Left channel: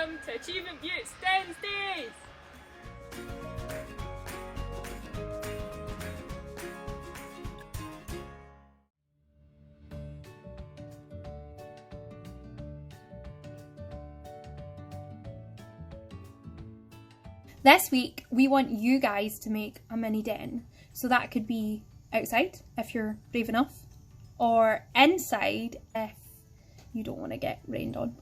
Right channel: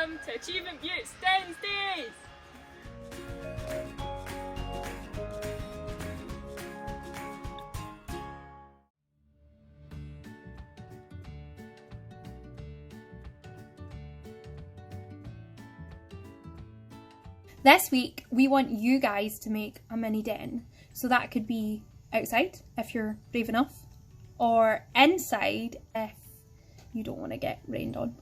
Welcome to Achievement Butte's DENS Days! This week, we want you guys to make a mini den. So that could be outside, if you're brave enough, or inside, if you don't want to get rained on.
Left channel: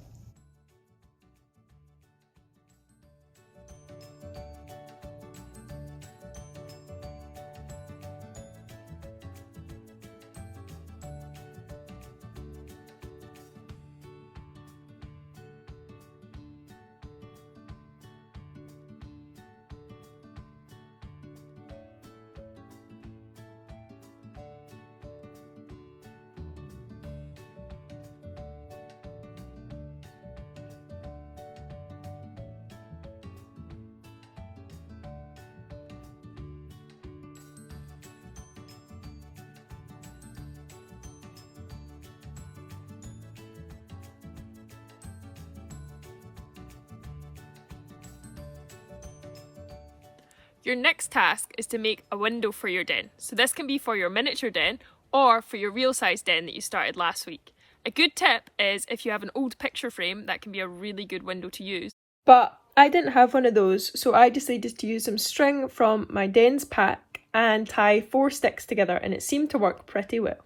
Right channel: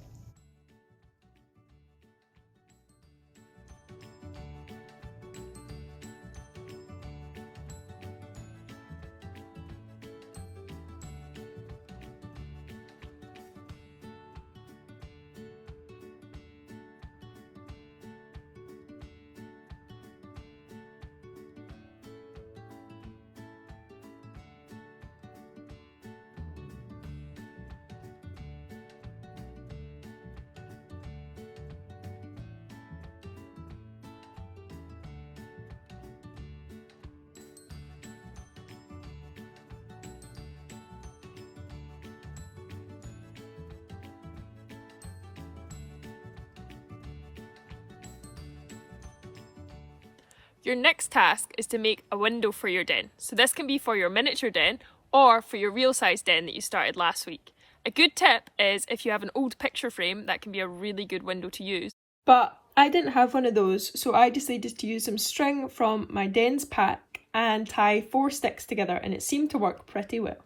Your next task is to make a window for your den. So this can be for your miniature den or for your real size den that you started last week. A good tip is if you have an old picture frame, that can be a really good window to use. But I didn't have one of those, so I decided to use some string from my DENS pack and tie 4 sticks together, and it seemed to work pretty well.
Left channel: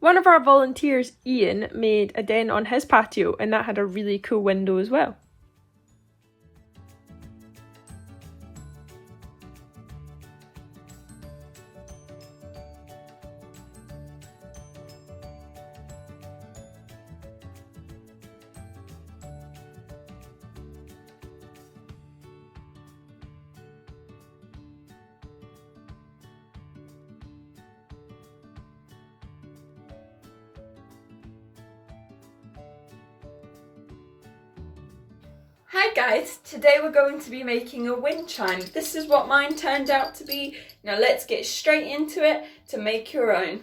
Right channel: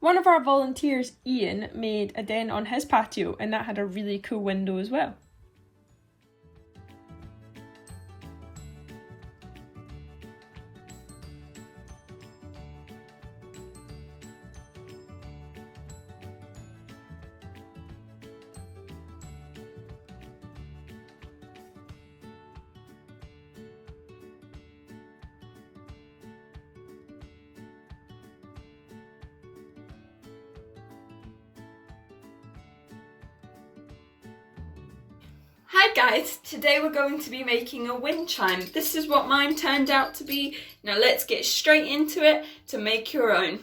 One of our volunteers, Ian, made a den on his patio, and that had a really cool window as well. Hi guys, today we're going to be making a wind chime. This is what mine turned out to be. Now let's get straight into it to make your own.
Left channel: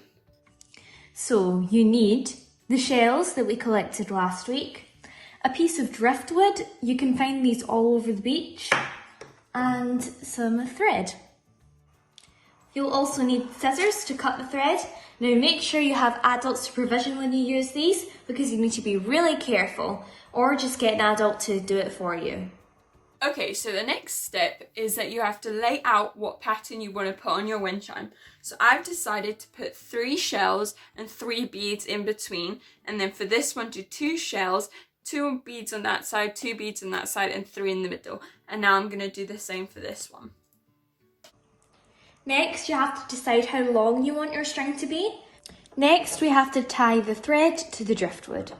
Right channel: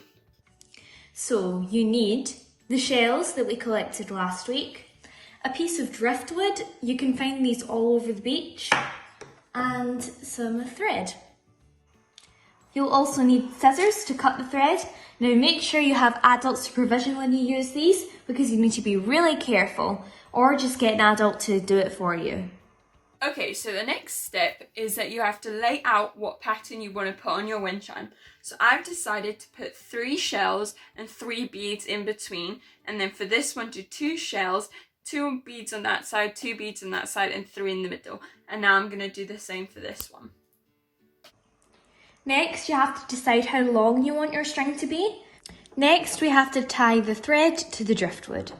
So you need the shells that we collected last week, a piece of driftwood, you can find these all over the beach, and some thread. You'll also need scissors to cut the thread. Now make sure you have adult supervision when you use these because you need to be really careful, or just get an adult to do it for you. Okay, so the next step is that you have to lay out what pattern you want to put on your wind chime. So I've decided to put 3 shells and 3 beads in between, and then for this one do 2 shells, 2 beads on that side, 2 beads on that side, and 3 in the middle. And now I'm going to do the same for this one. Next, you have to decide how long you want your string to be. Next, we have to tie the thread to the driftwood.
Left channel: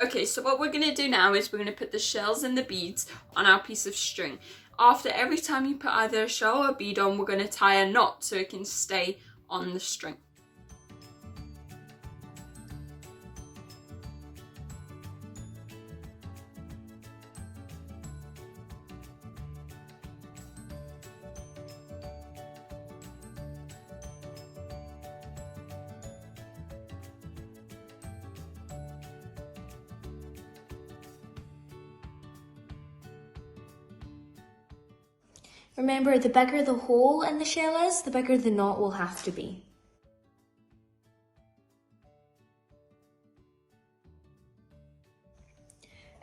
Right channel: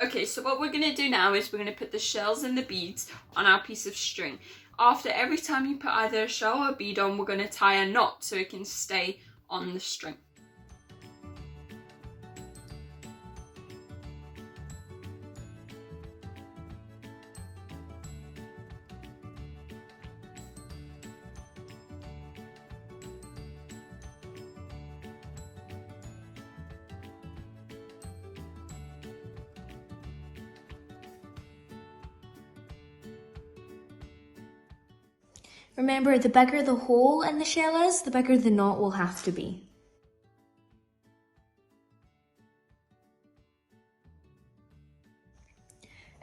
Okay, so what we're going to do now is we're going to put the shells and the beads on our piece of string. After every time you put either a shell or a bead on, we're going to tie a knot so it can stay on the string. Remember, the bigger the hole in the shell is, the bigger the knot will have to be.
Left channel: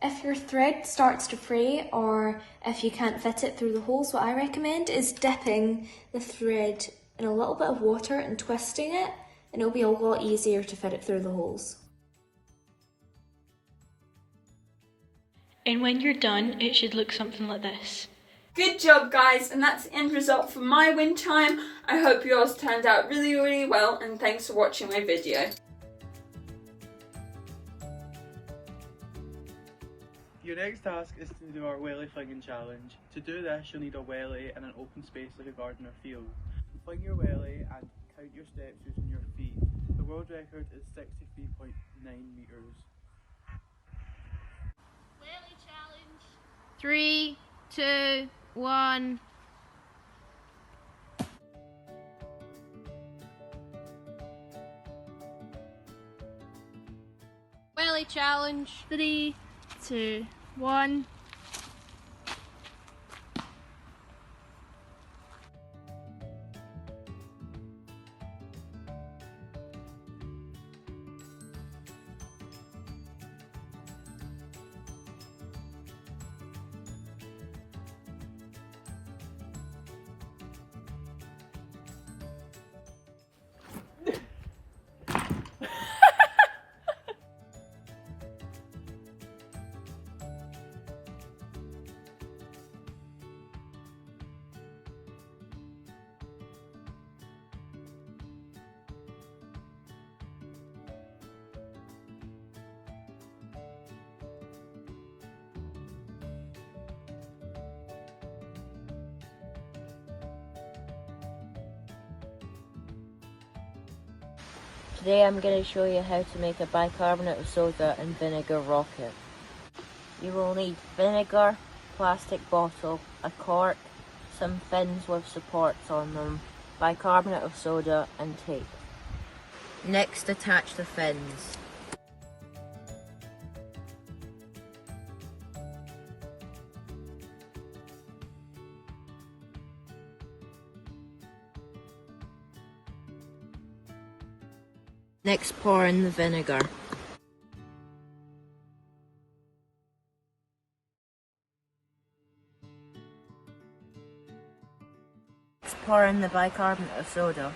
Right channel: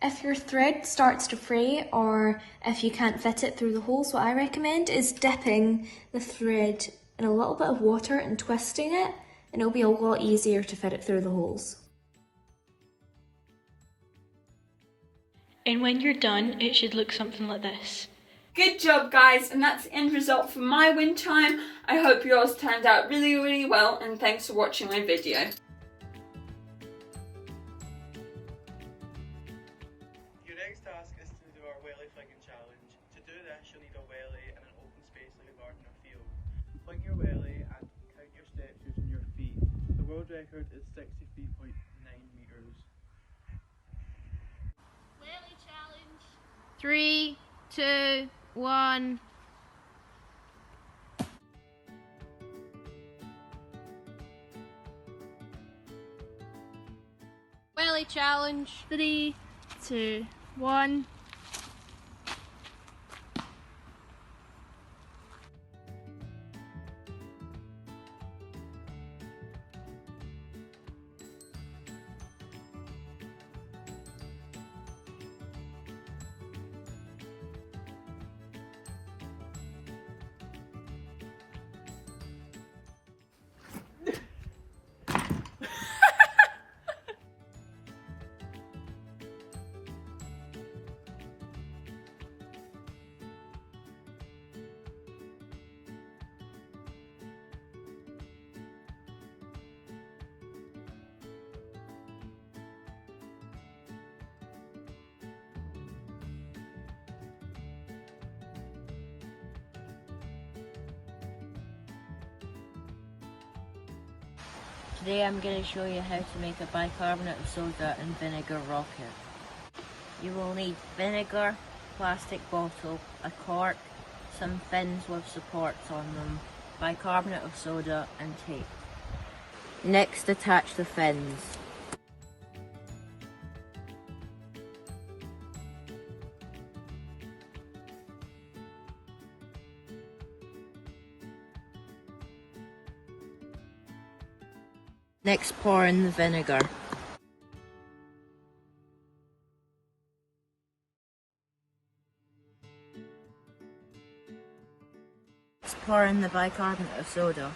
If your thread starts to fray, or if you can't fit it through the holes, what I recommend is dipping the thread in a little bit of water and twisting it, and it'll be a lot easier to fit it through the holes. And when you're done, it should look something like this. Good job guys, and that's the end result for my wind chime. I hope yours turned out really well, and thanks for watching my video. Your next task is to do our welly flinging challenge. To do this, you'll need a welly in an open space like a garden or field. fling your welly and count your steps using your feet. The world record is 63.9 metres. Welly challenge. 3, 2, 1. Welly challenge. 3, 2, 1. Today I'm going to show you how to make a bicarbonate of soda and vinegar rocket. You will need vinegar, plastic bottle, a cork, some fins with supports on them, bicarbonate of soda and tape. Next, attach the fins. Next, pour in the vinegar. Next, pour in the bicarbonate of soda.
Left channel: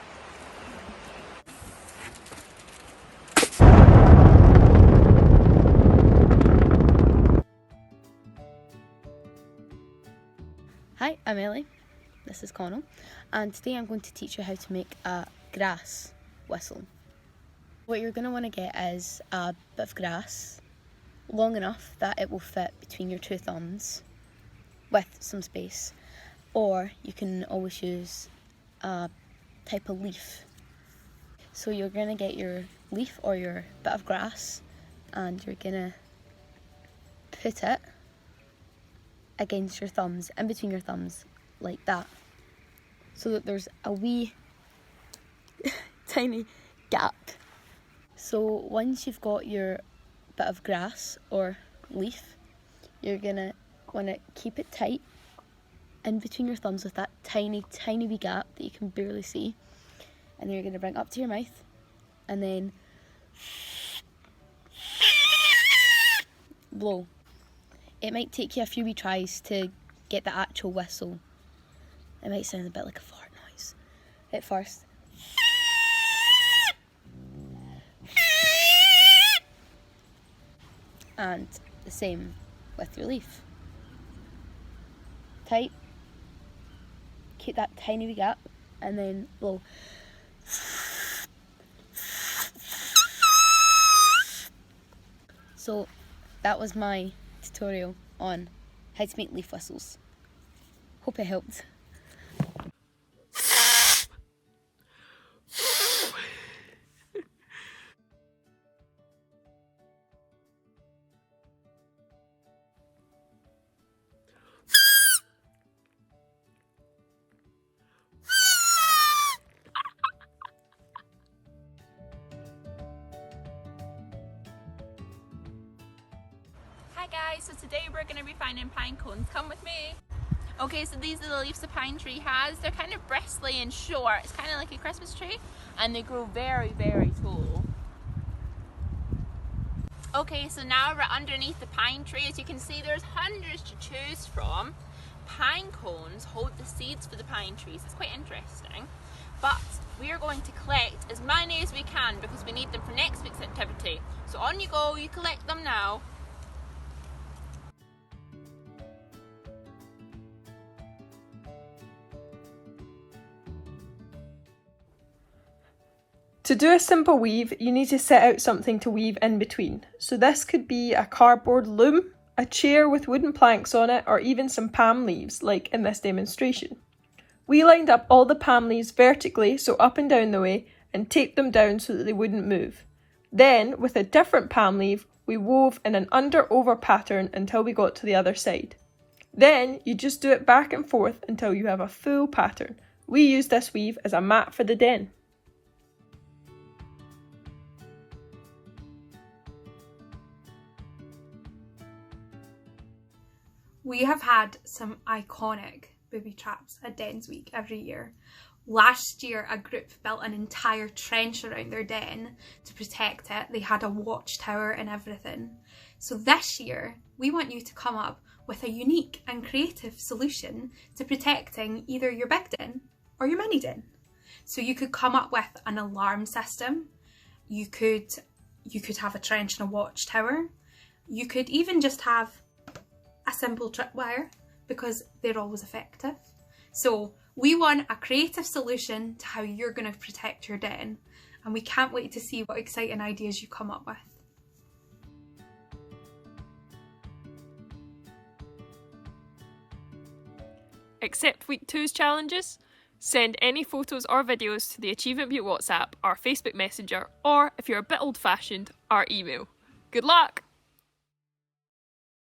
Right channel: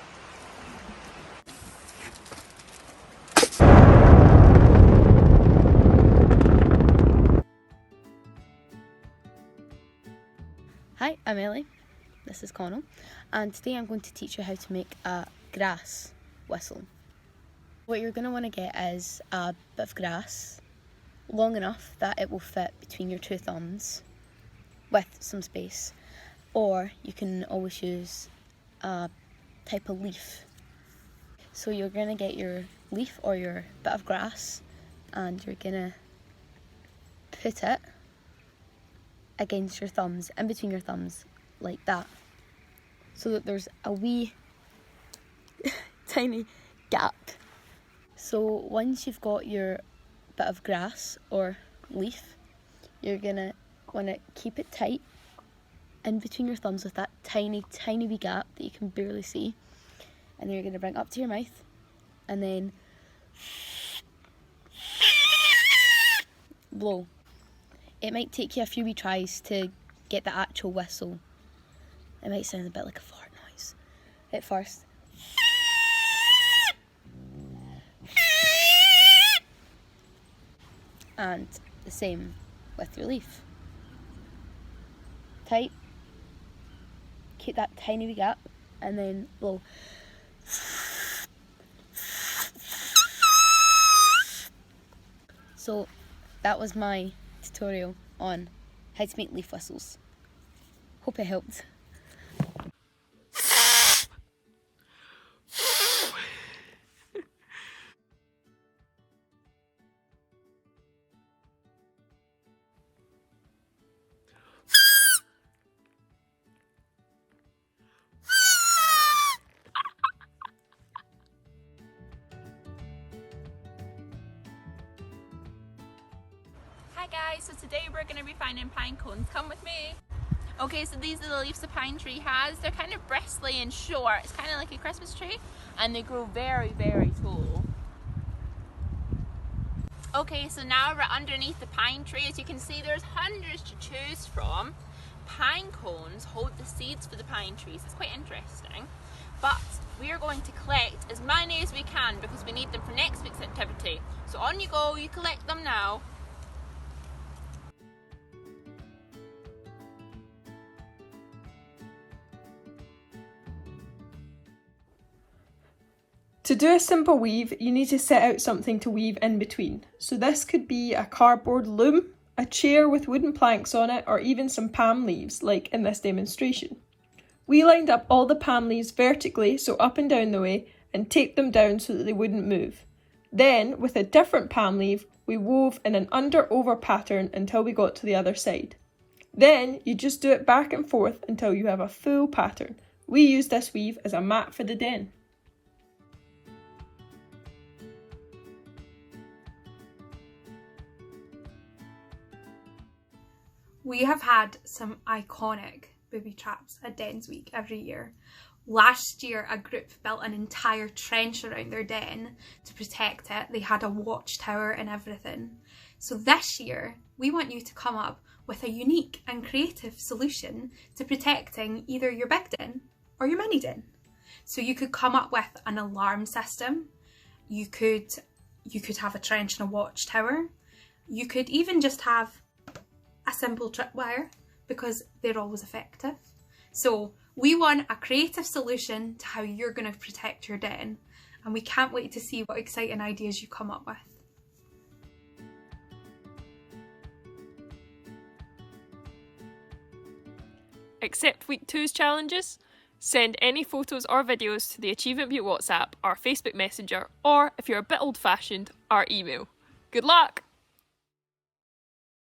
Hi, I'm Ellie. This is Connell, and today I'm going to teach you how to make a grass whistle. What you're going to want to get is a bit of grass, long enough that it will fit between your two thumbs with some space, or you can always use a type of leaf. So you're going to get your leaf or your bit of grass and you're going to put it against your thumbs, in between your thumbs, like that, so that there's a wee tiny gap. So once you've got your bit of grass or leaf, you're gonna want to keep it tight in between your thumbs with that tiny wee gap that you can barely see, and then you're gonna bring it up to your mouth and then blow. It might take you a few wee tries to get the actual whistle. It might sound a bit like a fart noise at first. And the same with your leaf. Tight, keep that tiny wee gap, and then blow. So that was my tutorial on how to make leaf whistles. Hope it helped. Hi guys, so today we're going to be finding pine cones. Come with me. Okay, so these are the leaves the pine tree has. They're kind of bristly and short. It's kind of like a Christmas tree, and they grow very, very tall. Okay, so now we're underneath the pine tree. As you can see, there's hundreds to choose from. Pine cones hold the seeds for the pine trees. It's quite interesting. But we are going to collect as many as we can because we need them for next week's activity. So on you go, you collect them now. To do a simple weave, you need to set out something to weave in between. So this could be a cardboard loom, a chair with wooden planks on it, or even some palm leaves, like in this demonstration. We lined up all the palm leaves vertically, so up and down the way, and taped them down so that they wouldn't move. Then, with a different palm leaf, we wove in an under-over pattern until we got to the other side. Then, you just do it back and forth until you have a full pattern. We use this weave as a mat for the den. We have had some iconic booby traps at DENS Week every year. Last year, a group built an entire trench around their den to protect it. They had a watchtower and everything. So this year, we want you to come up with a unique and creative solution to protecting either your big den or your mini den. So you could come up with an alarm system. You could have a trench and a watchtower. You could even just have a simple tripwire, because they're always effective. So we want a creative solution to how you're going to protect your den, and we can't wait to see what exciting ideas you come up with. Accept Week 2's challenges? Send any photos or videos to the Achievement Butte WhatsApp, our Facebook Messenger, or if you're a bit old-fashioned, our email. Good luck!